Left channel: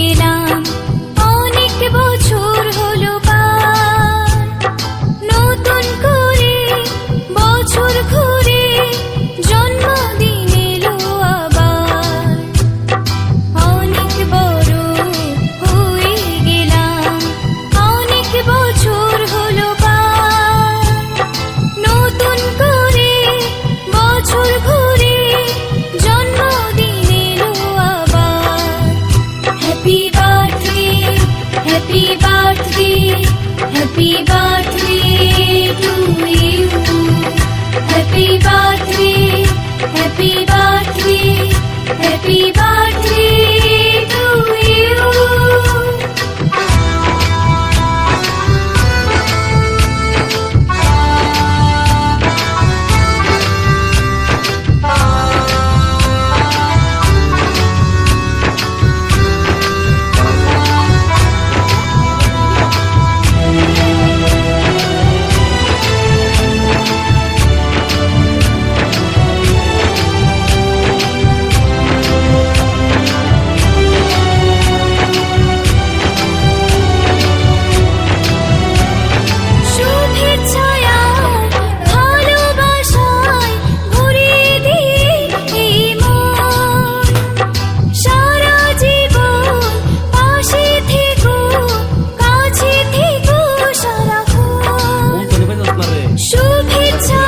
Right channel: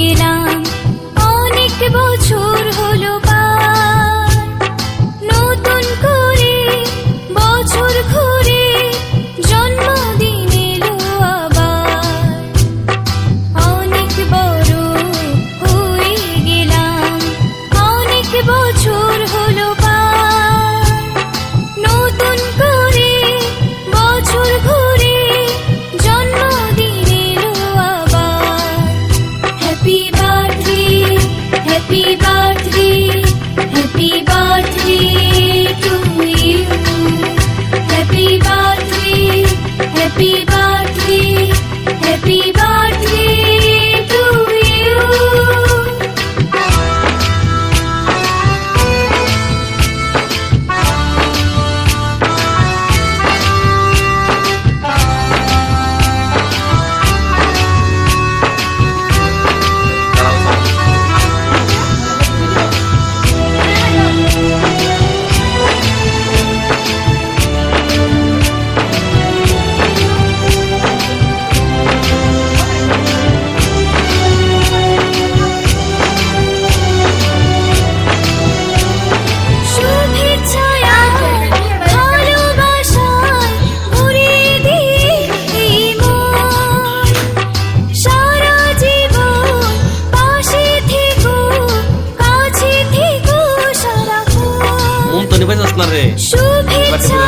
গেলাম, অনেক বছর হলো পার। নতুন করে বছর ঘুরে জন্মদিন এলো আবার। অনেক বড় হয়ে গেলাম, অনেক বছর হলো পার। নতুন করে বছর ঘুরে জন্মদিন এলো আবার। Happy birthday, happy birthday, happy birthday to you. Happy birthday, happy birthday, happy birthday to you. শুভেচ্ছায় আর ভালোবাসায় ভরিয়ে দিয়ে এই মন। সারা জীবন পাশে থেকো, কাছে থেকো সারাক্ষণ। মন তো নিবে যাস না রে। শুভেচ্ছা